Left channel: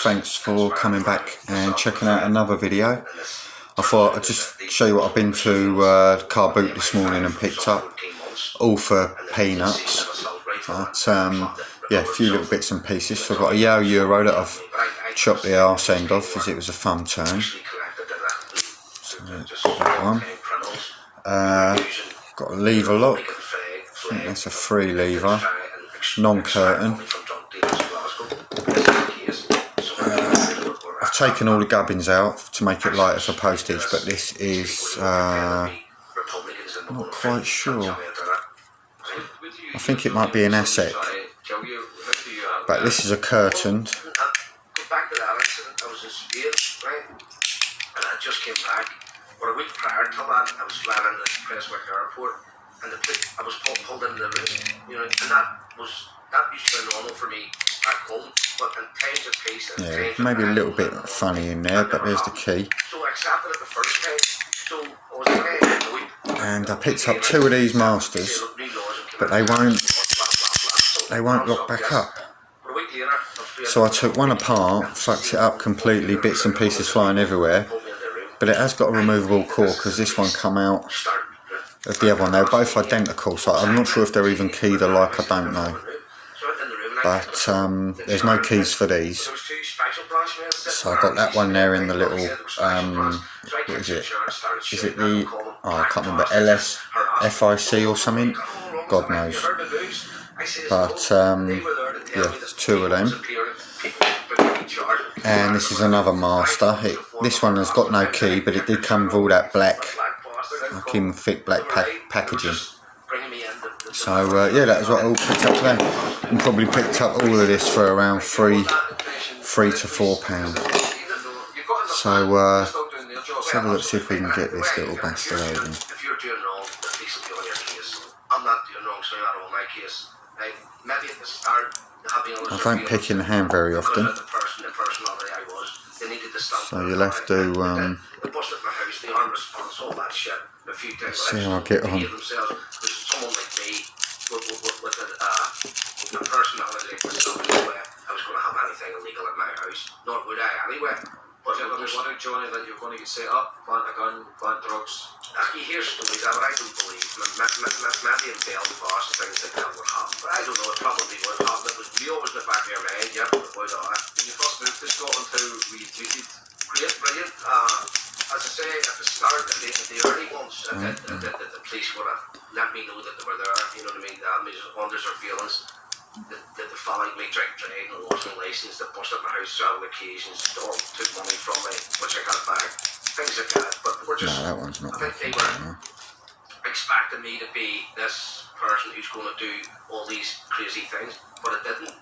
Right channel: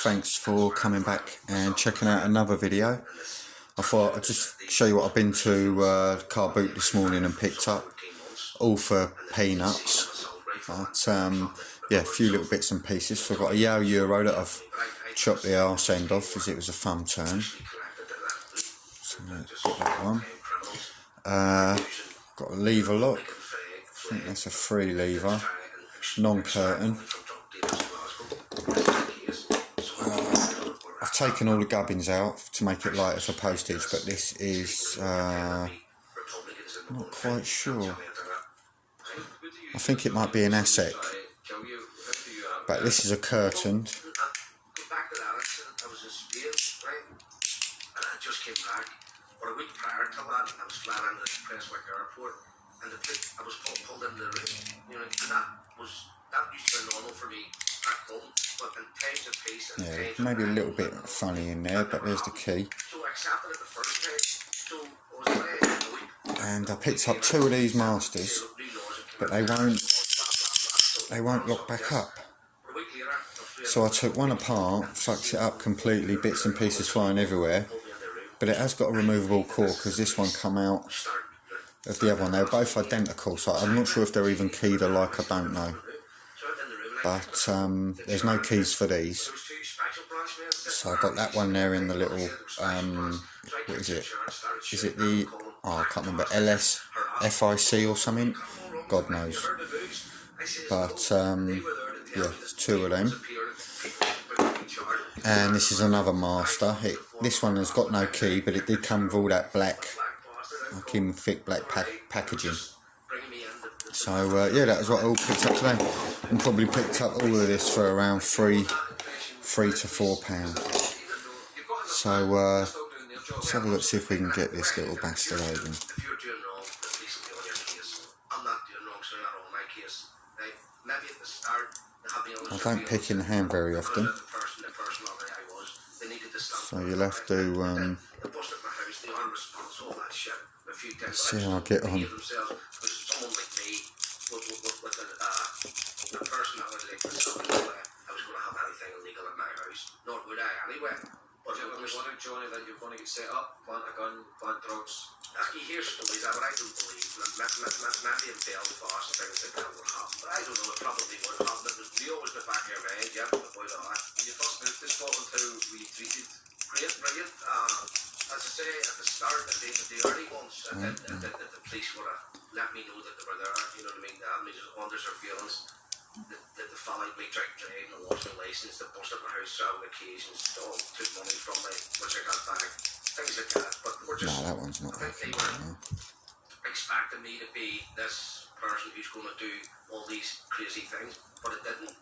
thanks for coming back and checking out another video. I thought I'd just show you what I've been to the car boot this morning and picked up, all for peanuts, but yeah, a few little bits and pieces. So I've got a Yale Euro that I've chopped the arse end off as it was a thumb turn. So got that one. Got a lever lock, I think that's a 3 lever, non-curtain. I've taken all the gubbins out to make it lighter for postage, but this is, I'm not quite sure. I think it might be an ASEC, but this is a curtain. But a week prior to that, I was flying into Prestwick Airport, and I was pulled into the room, you know, and that used to be normal for me back home. But in times of peace, yeah, maybe a little bit funny in there, but there's the key. So I accepted it the first time. So I was away a week. And I picked up 2 of these Masters, but they won't lock back up. So I took one apart, fucked it up completely, bits and pieces flying everywhere. But it has got a removable core because this one come out of the other one. They're both identical, so I'm not sure if they're even keyed alike, I don't know. But there's no keys for these. So I got that one there in the little, what is it? Is it the, oh I can't remember, LS FIC or something? God knows. But yeah, there's 2 of them. And this is another Master. This one has got no key, but it did come with all that black, fucking thick black packaging. So yeah, that was what I all picked up today. And probably picked up all of this for around £3 to £4. So let's have a look, see if we can get this little bastard open. I don't pick in the hand very often, so you'll have to see how I get on. But if there's one Johnny that you're going to get set up, plant a gun, plant drugs. You hear stories that I don't believe. Maybe in Belfast things like that would happen, but I don't know, it probably would happen. It was always in the back of your mind, yeah, but it would have. When you first moved to Scotland, how were you treated? Great, brilliant. As I say, at the start, at the early ones, the police would have let me know that they were there, you know what I mean? That means under their feelings. They followed me, drink, and lost my licence, they busted my house several occasions, took money from me, which I got back, things like that. But we're just, no, that one's not. I think they were expecting me to be this person who's going to do all these crazy things, but it didn't.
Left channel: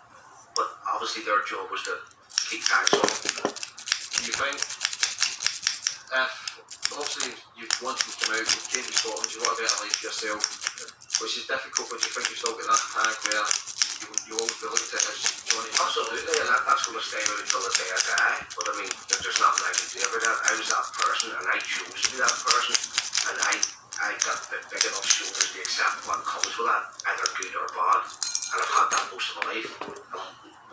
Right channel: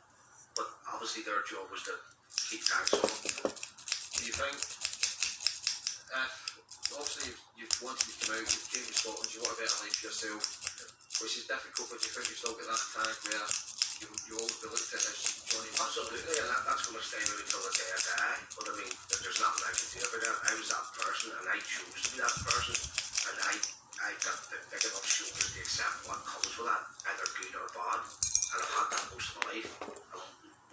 But obviously their job was to keep tax on. Do you think, if, obviously you once you come out, you came to Scotland, you want a better life for yourself, which is difficult, but you think you've still got that tag where you always be looked at as Johnny? Absolutely, and that's going to stay with me until the day I die. But I mean, there's nothing I can do about that. I was that person, and I chose to be that person, and I got big enough shoulders to accept what comes with that, either good or bad. And I've had that most of my life. I'm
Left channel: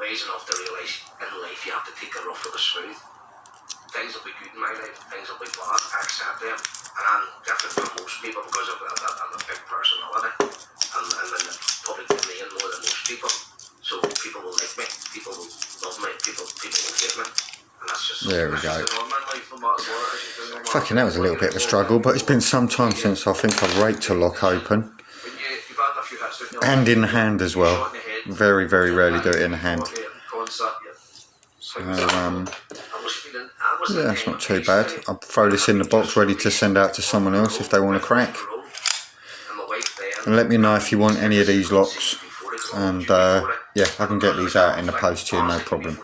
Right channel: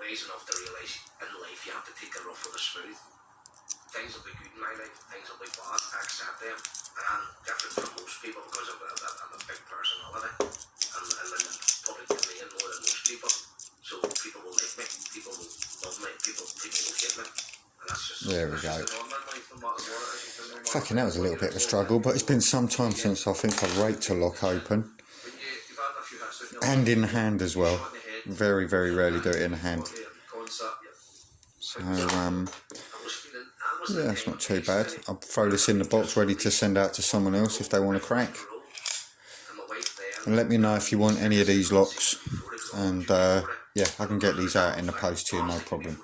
wise enough to realise in life you have to take the rough with the smooth. Things will be good in my life, things will be bad. I accept them, and I'm different from most people because I'm a big personality, and probably give me in more than most people. So people will like me, people will love me, people will hate me, and that's just. There we go. Fucking, that was a little bit of a struggle, but it's been some time since I think I've raked a lock open, and in the hand as well. Very, very rarely do it in the hand. So yeah, that's not too bad. I'll throw this in the box ready to send out to someone else if they want a crack. And let me know if you want any of these locks, and yeah, I can get these out in the post to you, no problem.